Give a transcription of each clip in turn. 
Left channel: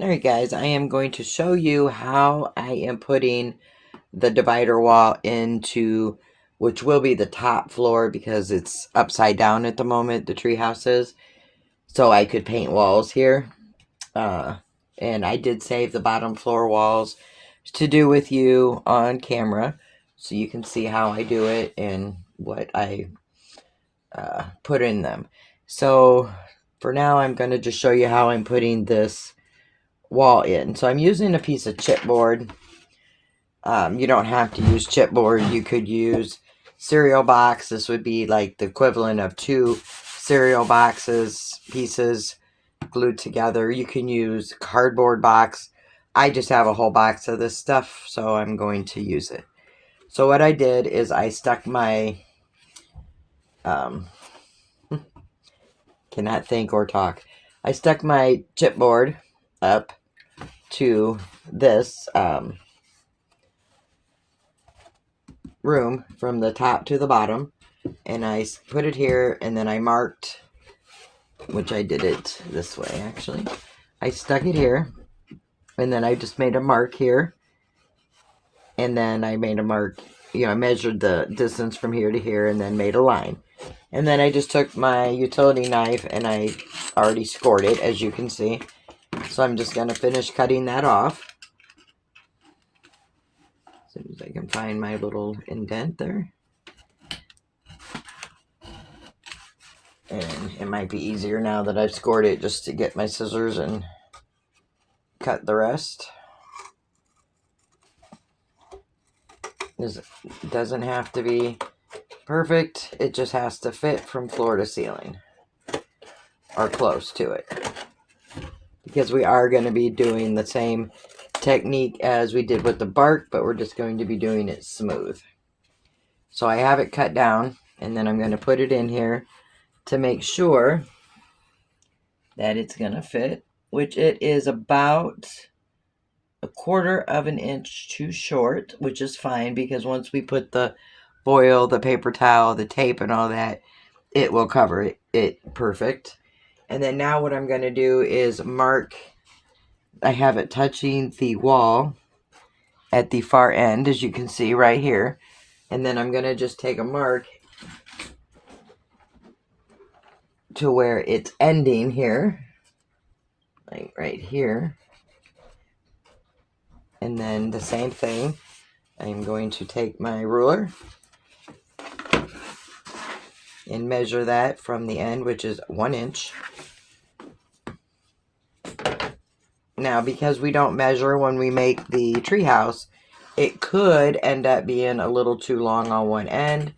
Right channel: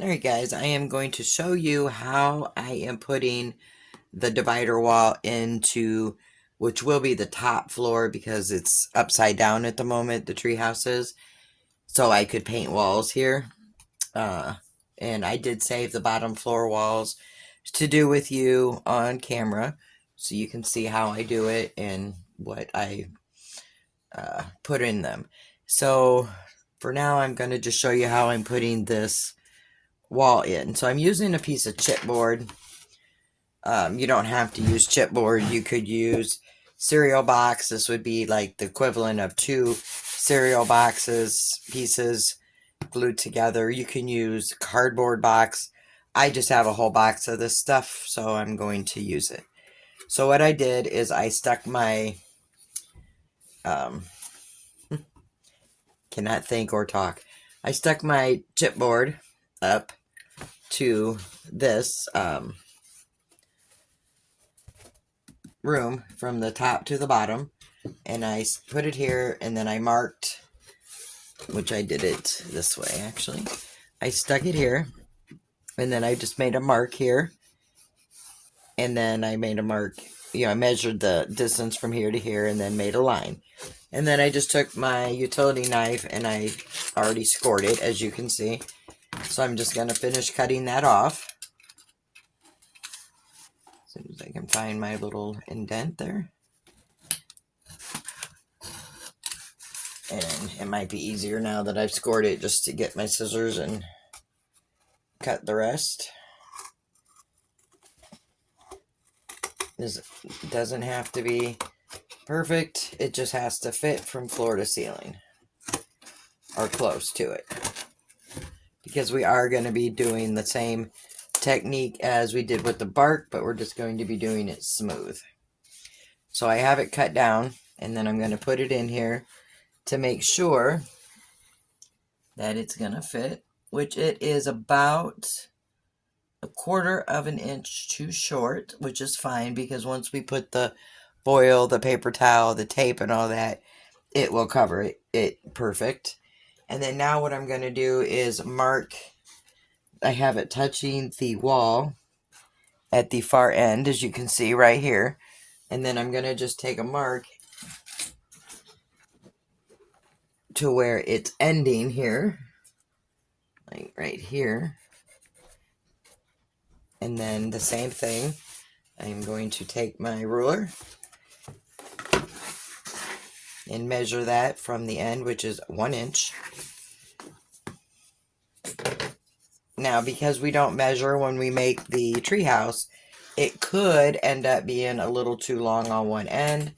Alright guys, I am going to show you how I am putting the divider wall into, which will be the top floor because it's upside down at the moment, the treehouse is. So I could paint walls here. And I did save the bottom floor walls to do with you on camera. So you can see how I do it and what I put in them. So for now, I'm going to just show you how I'm putting this wall in. So I'm using a piece of chipboard. You don't have to use chipboard. You could use cereal box. This would be like the equivalent of 2 cereal boxes pieces glued together. You can use cardboard box. I just have a whole box of this stuff, so I'm going to use it. So what I did is I stuck my cannot think or talk. I stuck my chipboard up to this room from the top to the bottom, and I put it here, and then I marked, which I did it this way actually. I stuck it here, and then I just made a mark here, and then I made a mark, I measured the distance from here to here and then made a line. And then I just took my utility knife and I already scored it, as you can see. So I'm just going to finish cutting that off. As soon as I can find my little indent there. And it might be easier now that I've scored it just to get my scissors and cut the rest. This doesn't have to be perfect. It just has to fit from floor to ceiling. Or close to it. Because we are going to be doing the same technique as we did with the bark, but we're just going to be doing it smooth. So I have it cut down, and then I'm going to put it in here to make sure that it's going to fit, which it is about 1/4 of an inch too short, which is fine because once we put the foil, the paper towel, the tape, and all that, it will cover it perfect. And then now what I'm going to do is mark, I have it touching the wall at the far end, as you can see right here. And then I'm going to just take a mark to where it's ending here, like right here. And then the same thing, I'm going to take my ruler and measure that from the end, which is 1 inch. Now, because we don't measure when we make the treehouse, it could end up being a little too long on one end,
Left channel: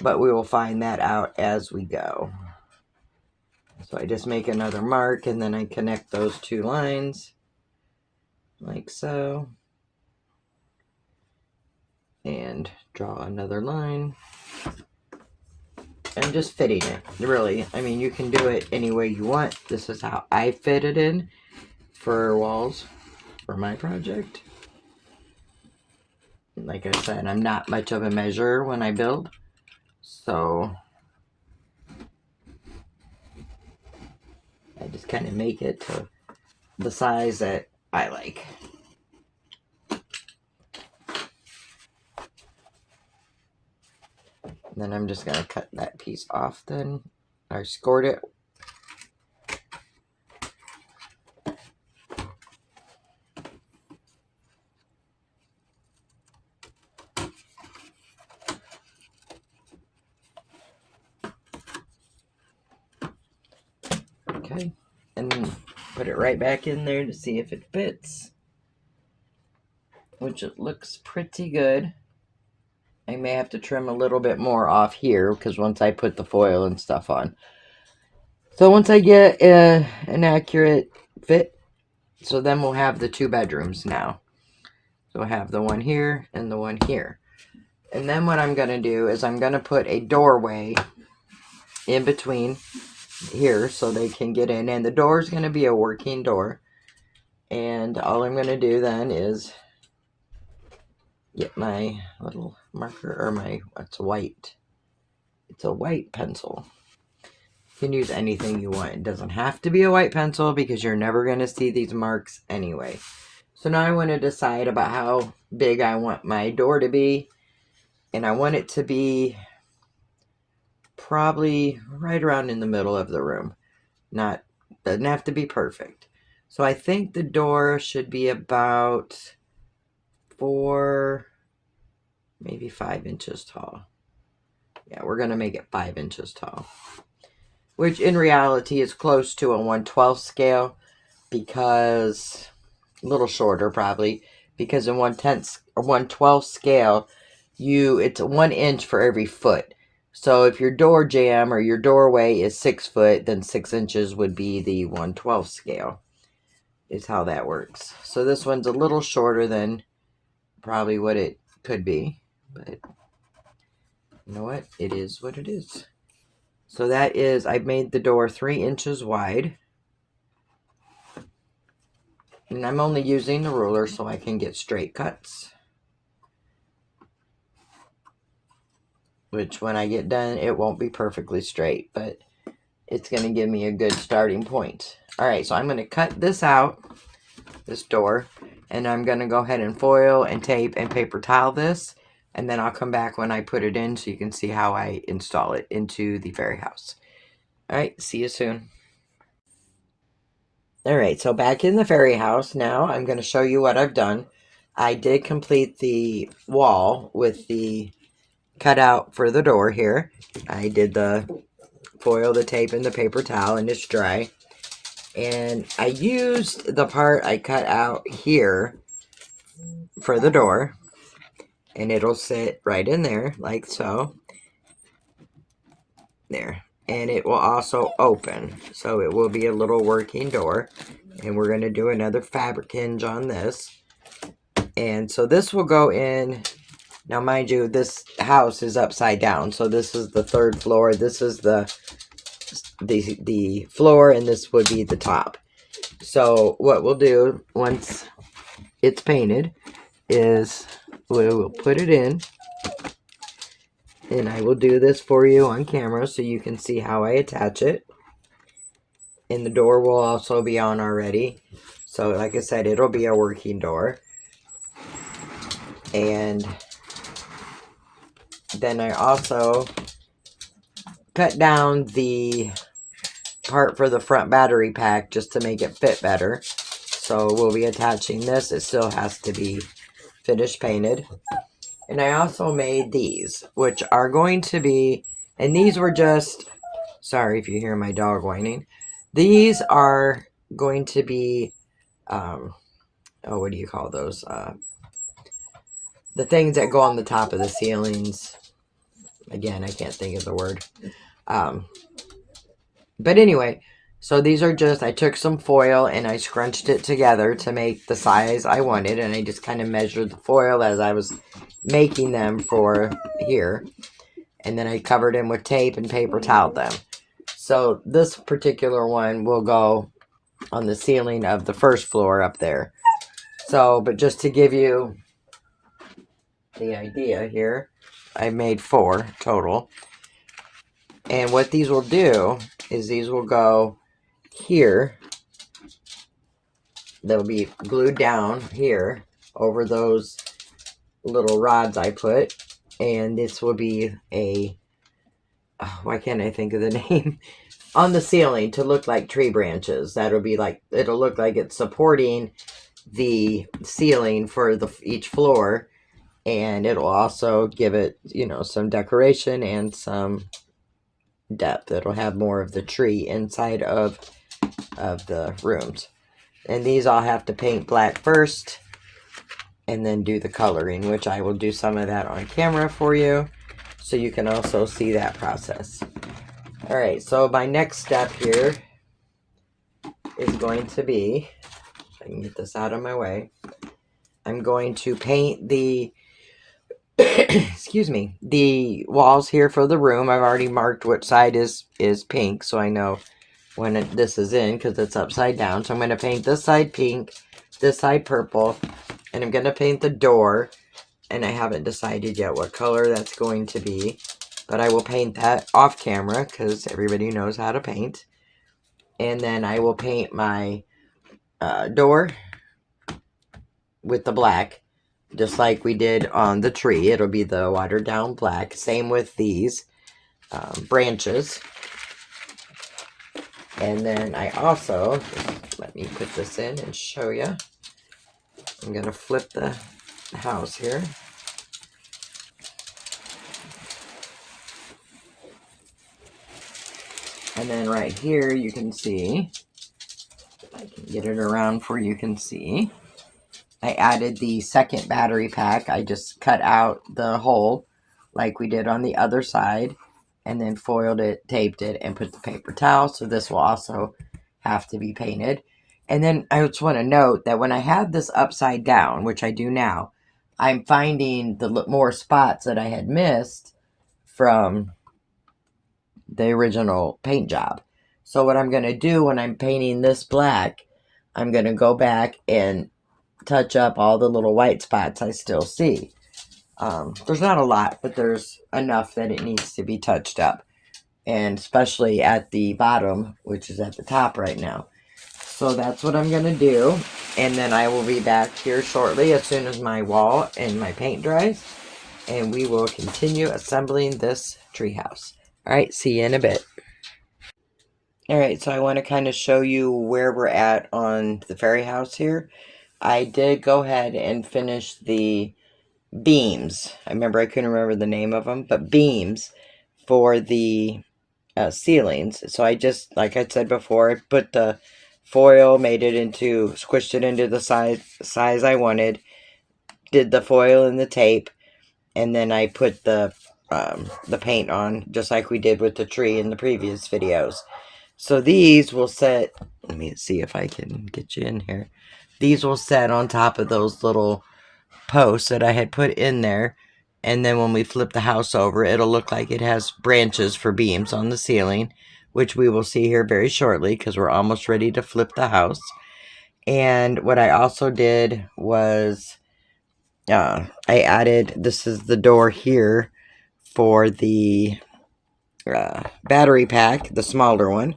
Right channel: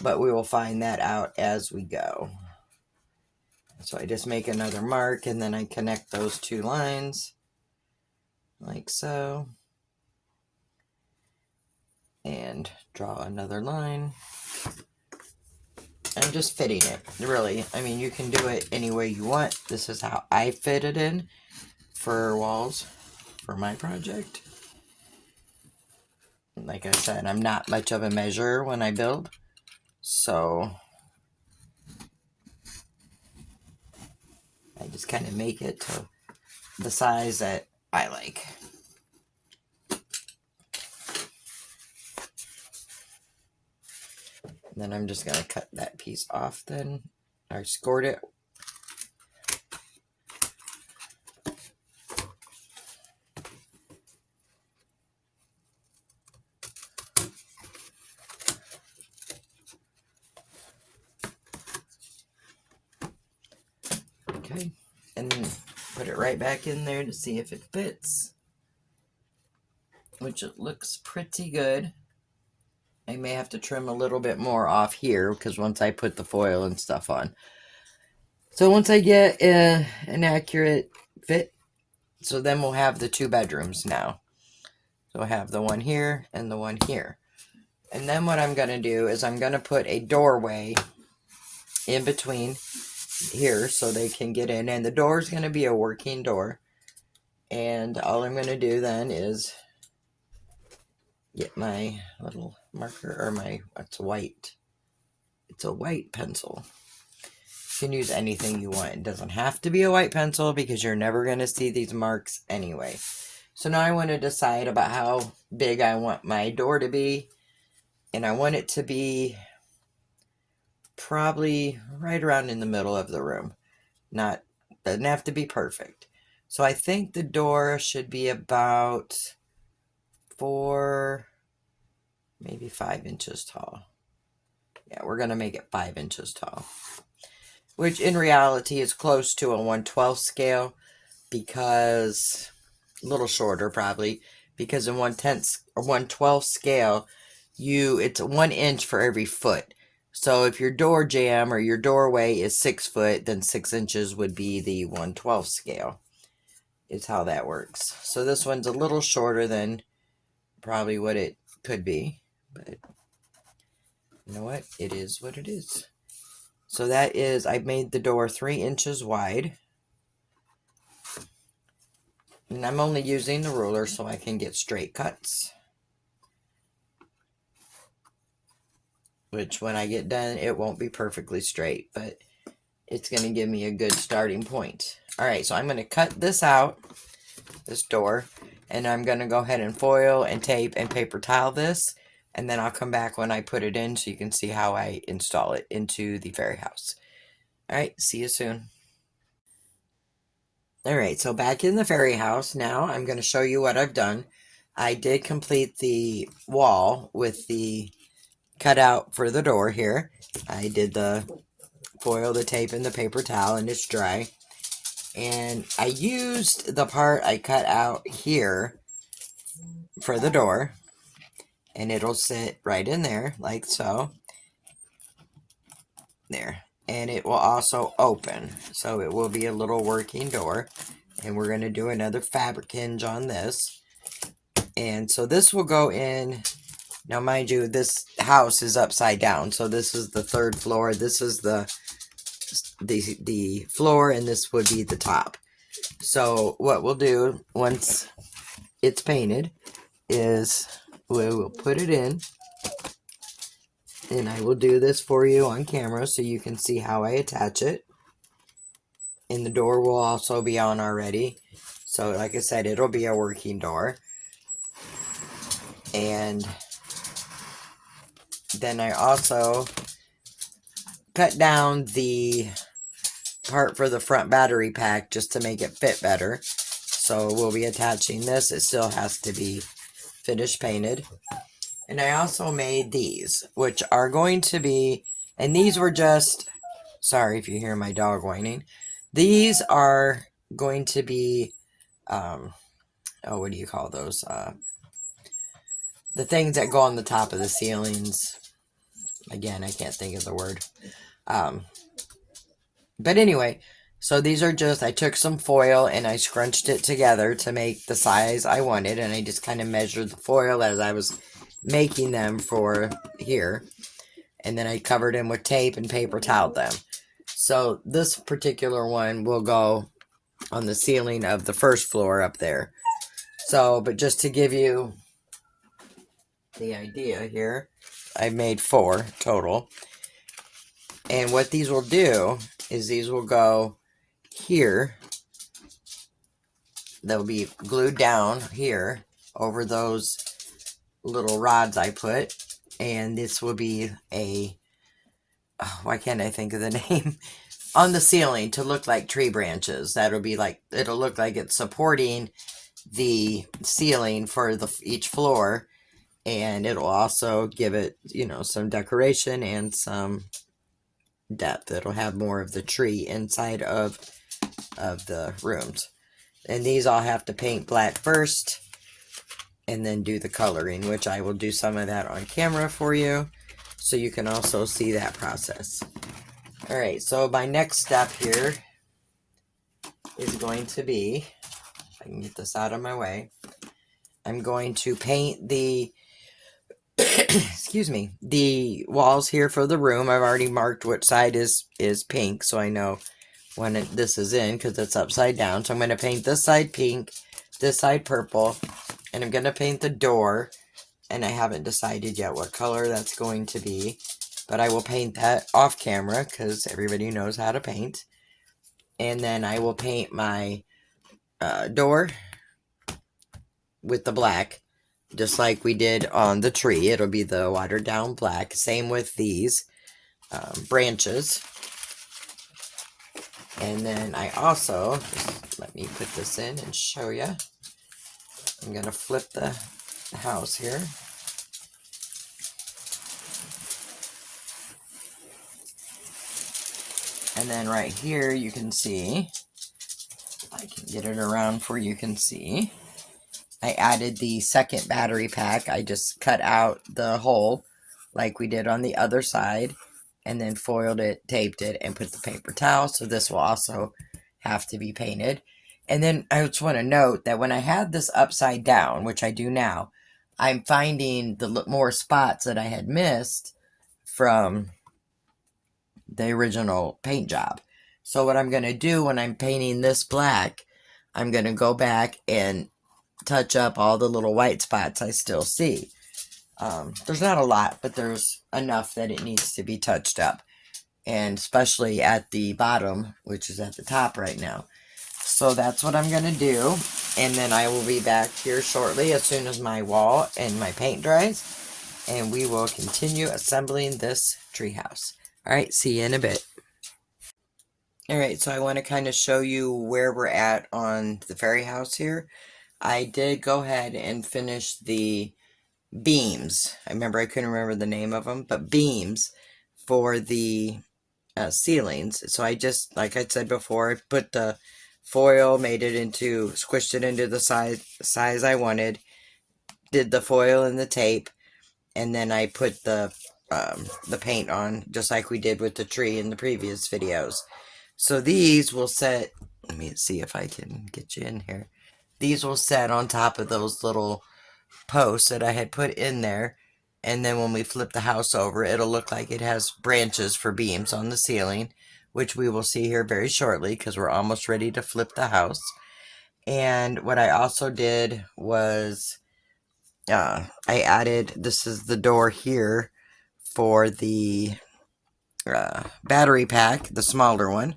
but we will find that out as we go. So I just make another mark, and then I connect those 2 lines, like so. And draw another line. I'm just fitting it, really. I mean, you can do it any way you want. This is how I fit it in for walls for my project. And like I said, I'm not much of a measurer when I build, so I just kind of make it to the size that I like. And then I'm just going to cut that piece off then. I scored it. Okay. And then put it right back in there to see if it fits. Which it looks pretty good. I may have to trim a little bit more off here because once I put the foil and stuff on. So once I get an accurate fit, so then we'll have the 2 bedrooms now. So we'll have the one here and the one here. And then what I'm going to do is I'm going to put a doorway in between here so they can get in. And the door is going to be a working door. And all I'm going to do then is get my little marker, or my, it's a white pencil. You can use anything you want. It doesn't have to be a white pencil because you're never going to see these marks anyway. So now I want to decide about how big I want my door to be. And I want it to be probably right around in the middle of the room. Doesn't have to be perfect. So I think the door should be about 4, maybe 5 inches tall. Yeah, we're going to make it 5 inches tall. Which in reality is close to a 1/12 scale, because a little shorter probably, because in 1/10 or 1/12 scale, it's 1 inch for every foot. So if your door jamb or your doorway is 6 foot, then 6 inches would be the 1/12 scale. Is how that works. So this one's a little shorter than probably what it could be, but you know what? It is what it is. So that is, I made the door 3 inches wide. And I'm only using the ruler so I can get straight cuts. Which when I get done, it won't be perfectly straight, but it's going to give me a good starting point. Alright, so I'm going to cut this out, this door, and I'm going to go ahead and foil and tape and paper towel this. And then I'll come back when I put it in so you can see how I install it into the fairy house. Alright, see you soon. Alright, so back in the fairy house now, I'm going to show you what I've done. I did complete the wall with the cutout for the door here. I did the foil, the tape, and the paper towel, and it's dry. And I used the part I cut out here for the door. And it'll sit right in there, like so. There. And it will also open. So it will be a little working door. And we're going to do another fabric hinge on this. And so this will go in. Now, mind you, this house is upside down. So this is the 3rd floor. This is the floor, and this would be the top. So what we'll do once it's painted is we'll put it in. And I will do this for you on camera so you can see how I attach it. And the door will also be on already. So like I said, it'll be a working door. And then I also cut down the part for the front battery pack just to make it fit better. So we'll be attaching this. It still has to be finished painted. And I also made these, which are going to be, and these were just, sorry if you hear my dog whining. These are going to be, what do you call those? The things that go on the top of the ceilings. Again, I can't think of the word. But anyway, so these are just, I took some foil and I scrunched it together to make the size I wanted. And I just kind of measured the foil as I was making them for here. And then I covered them with tape and paper toweled them. So this particular one will go on the ceiling of the 1st floor up there. So, but just to give you the idea here, I made 4 total. And what these will do is these will go here. They'll be glued down here over those little rods I put. And this will be a, why can't I think of the name? On the ceiling to look like tree branches. That'll be like, it'll look like it's supporting the ceiling for each floor. And it'll also give it, you know, some decoration and some depth. It'll have more of the tree inside of the rooms. And these I'll have to paint black first and then do the coloring, which I will do some of that on camera for you so you can also see that process. Alright, so my next step here is going to be, if I can get this out of my way, I'm going to paint the excuse me, the walls here for the room. I've already marked which side is pink, so I know when this is in, because it's upside down. So I'm going to paint this side pink, this side purple, and I'm going to paint the door, and I haven't decided yet what color that's going to be. but I will paint that off camera because everybody knows how to paint. And then I will paint my door with the black, just like we did on the tree. It'll be the watered down black. Same with these branches. And then I also, just let me put this in and show you. I'm going to flip the house here. And then right here, you can see, if I can get it around for you can see, I added the second battery pack. I just cut out the hole like we did on the other side, and then foiled it, taped it, and put the paper towel. So this will also have to be painted. And then I just want to note that when I had this upside down, which I do now, I'm finding the more spots that I had missed from the original paint job. So what I'm going to do when I'm painting this black, I'm going to go back and touch up all the little white spots I still see. There's not a lot, but there's enough that it needs to be touched up. And especially at the bottom, which is at the top right now. So that's what I'm going to do. And then I will be back here shortly as soon as my wall and my paint dries. And we will continue assembling this treehouse. Alright, see you in a bit. Alright, so I want to kind of show you where we're at on the fairy house here. I did go ahead and finish the beams. I couldn't remember the name of them, but beams for the ceilings. So I just, like I said before, I put the foil, squished it into the size I wanted, did the foil and the tape, and then I put the paint on, just like we did with the tree in the previous videos. So these will set, let me see if I can get you in here. These will set on top of those little posts that I had put in there. And then when we flip the house over, it'll look like it has branches for beams on the ceiling, which we will see here very shortly because we're almost ready to flip the house. And what I also did was I added, this is the door here for the battery pack, the smaller one.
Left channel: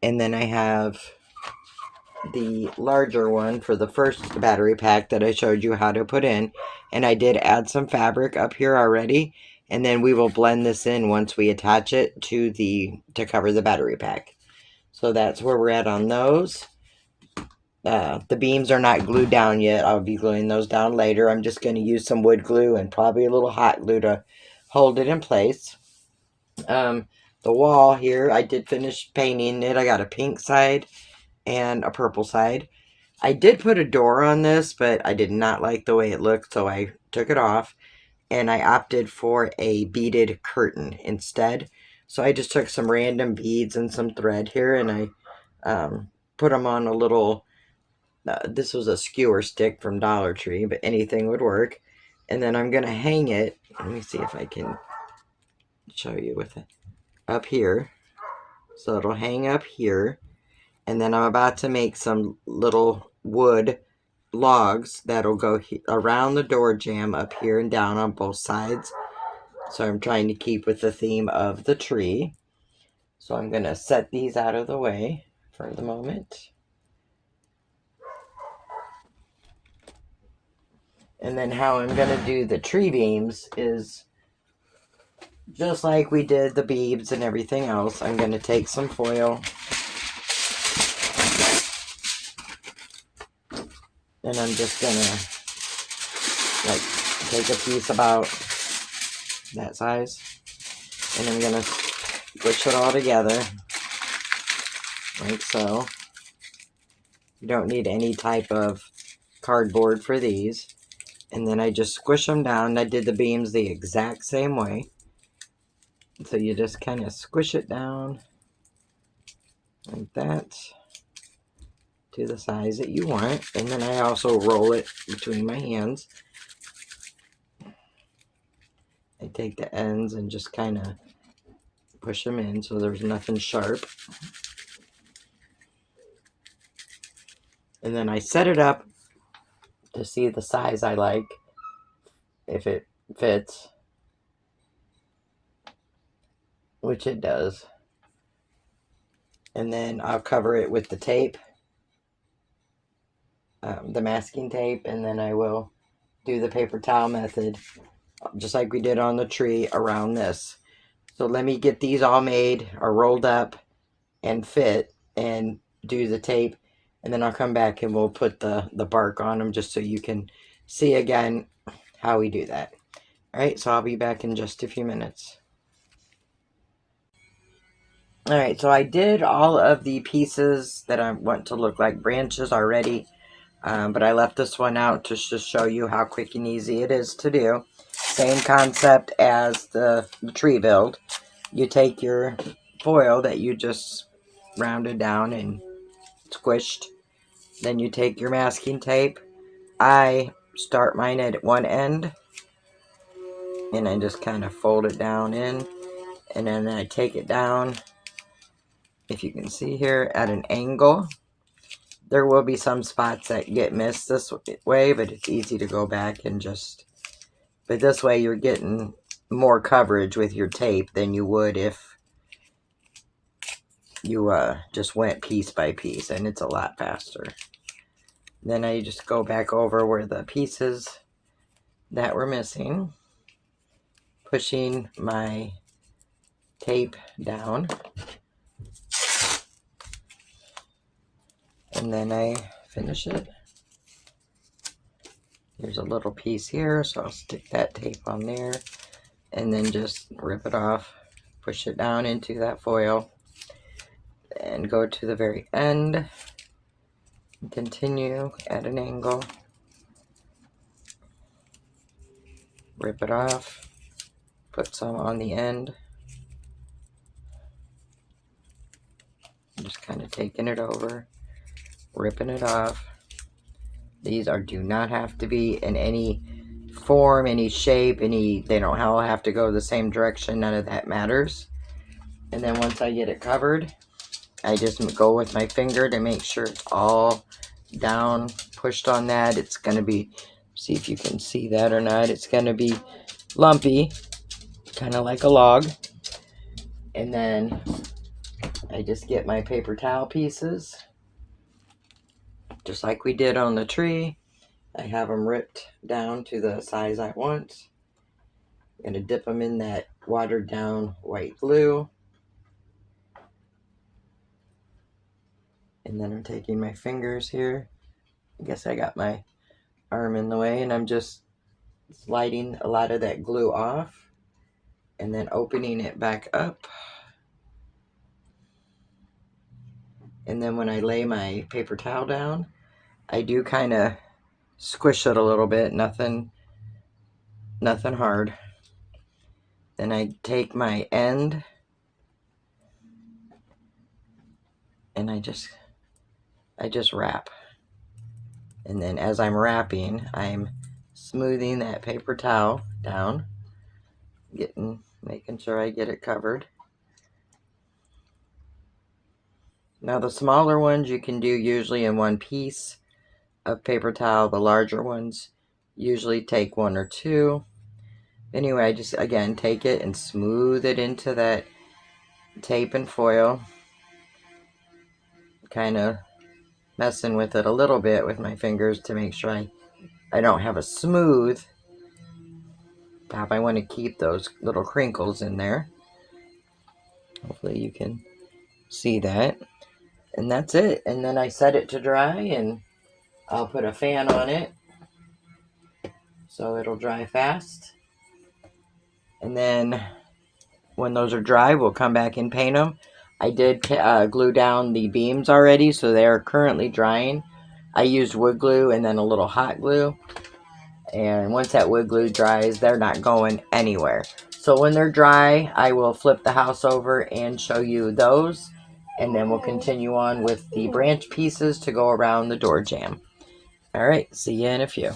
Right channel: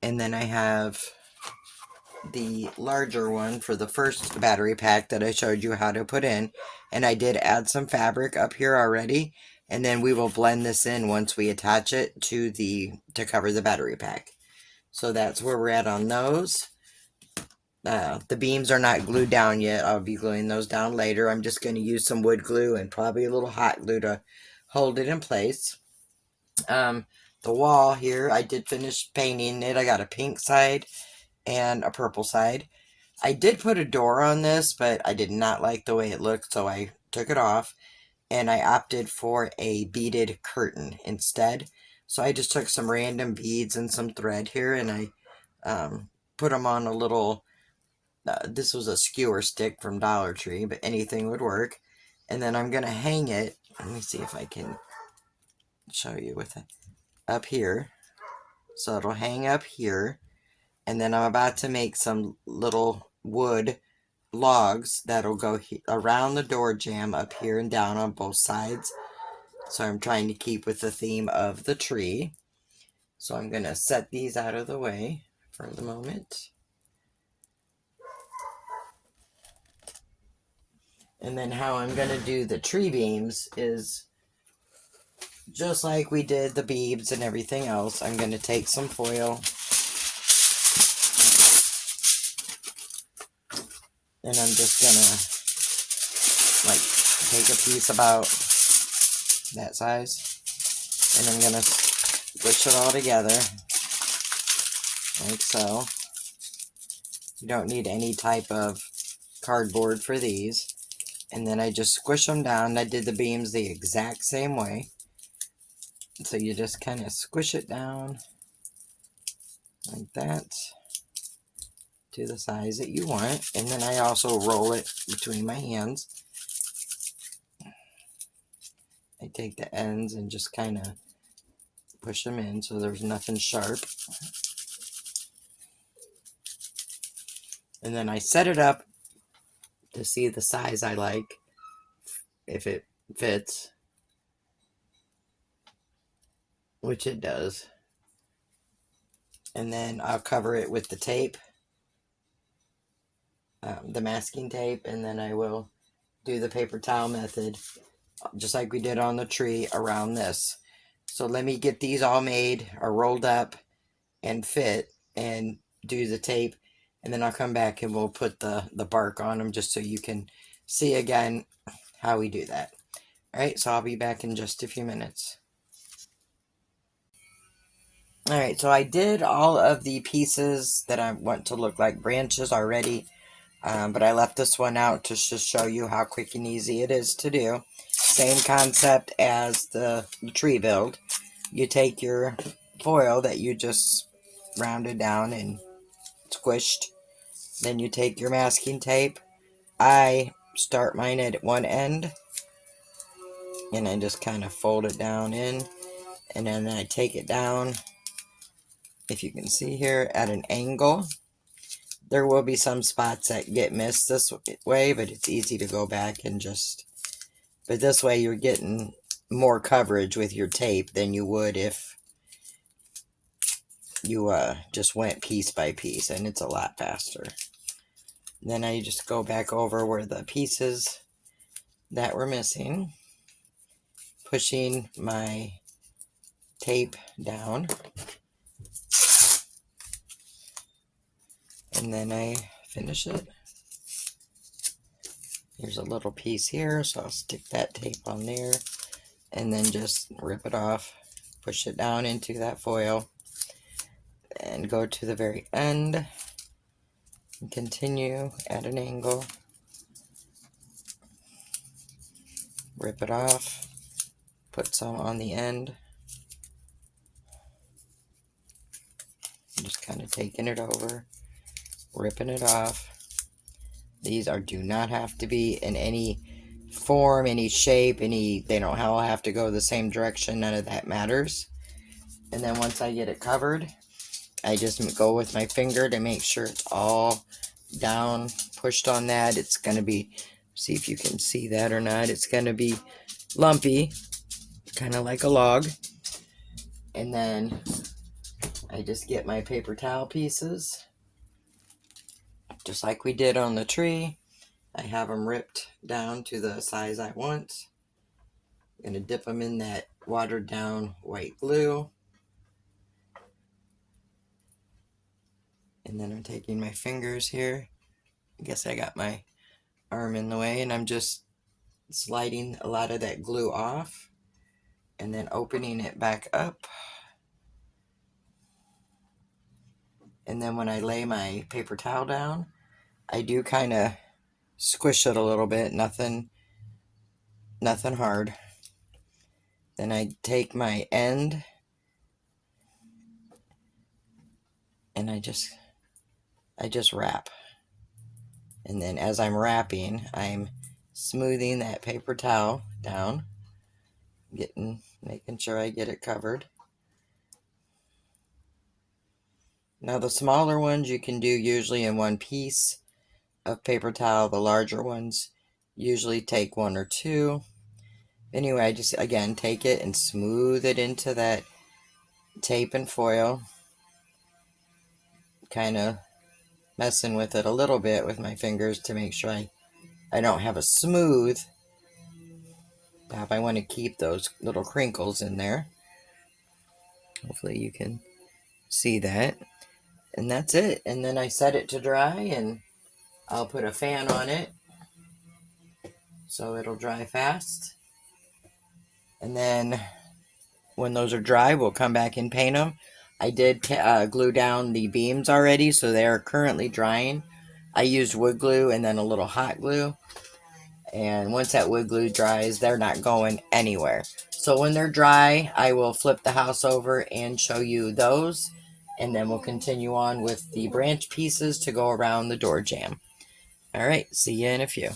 And then I have the larger one for the first battery pack that I showed you how to put in. And I did add some fabric up here already. And then we will blend this in once we attach it to cover the battery pack. So that's where we're at on those. The beams are not glued down yet. I'll be gluing those down later. I'm just going to use some wood glue and probably a little hot glue to hold it in place. The wall here, I did finish painting it. I got a pink side and a purple side. I did put a door on this, but I did not like the way it looked, so I took it off. And I opted for a beaded curtain instead. So I just took some random beads and some thread here, and I put them on a little, this was a skewer stick from Dollar Tree, but anything would work. And then I'm going to hang it. Let me see if I can show you with it. Up here. So it'll hang up here. And then I'm about to make some little wood logs that'll go around the door jamb up here and down on both sides. So I'm trying to keep with the theme of the tree. So I'm going to set these out of the way for the moment. And then how I'm going to do the tree beams is just like we did the beads and everything else. I'm going to take some foil and I'm just going to take a piece about that size and I'm going to squish it all together like so. You don't need any type of cardboard for these. And then I just squish them down. I did the beams the exact same way. So you just kind of squish it down like that to the size that you want. And then I also roll it between my hands. I take the ends and just kind of push them in so there's nothing sharp. And then I set it up to see the size I like, if it fits. which it does. And then I'll cover it with the tape, the masking tape, and then I will do the paper towel method, just like we did on the tree, around this. So let me get these all made or rolled up and fit and do the tape, and then I'll come back and we'll put the bark on them just so you can see again how we do that. Alright, so I'll be back in just a few minutes. Alright, so I did all of the pieces that I want to look like branches already, but I left this one out to just show you how quick and easy it is to do. Same concept as the tree build. You take your foil that you just rounded down and squished, then you take your masking tape. I start mine at one end, and I just kind of fold it down in, and then I take it down, if you can see here, at an angle. There will be some spots that get missed this way, but it's easy to go back and just, but this way you're getting more coverage with your tape than you would if you just went piece by piece, and it's a lot faster. Then I just go back over where the pieces that were missing, pushing my tape down, and then I finish it. There's a little piece here, so I'll stick that tape on there, and then just rip it off, push it down into that foil, and go to the very end, and continue at an angle, rip it off, put some on the end, just kind of taking it over, ripping it off. These do not have to be in any form, any shape, they don't all have to go the same direction. None of that matters. And then once I get it covered, I just go with my finger to make sure it's all down, pushed on that. It's going to be, see if you can see that or not, it's going to be lumpy, kind of like a log. And then I just get my paper towel pieces, just like we did on the tree. I have them ripped down to the size I want. I'm going to dip them in that watered down white glue. And then I'm taking my fingers here. I guess I got my arm in the way, and I'm just sliding a lot of that glue off and then opening it back up. And then when I lay my paper towel down, I do kind of squish it a little bit, nothing hard. Then I take my end and I just wrap. And then as I'm wrapping, I'm smoothing that paper towel down, making sure I get it covered. Now the smaller ones you can do usually in one piece of paper towel. The larger ones usually take one or two. Anyway, I just again take it and smooth it into that tape and foil, kind of messing with it a little bit with my fingers to make sure I don't have a smooth top. I want to keep those little crinkles in there. Hopefully you can see that. And that's it. And then I set it to dry, and I'll put a fan on it so it'll dry fast. And then when those are dry, we'll come back and paint them. I did glue down the beams already, so they are currently drying. I used wood glue and then a little hot glue. And once that wood glue dries, they're not going anywhere. So when they're dry, I will flip the house over and show you those. And then we'll continue on with the branch pieces to go around the door jamb. All right, see you in a few.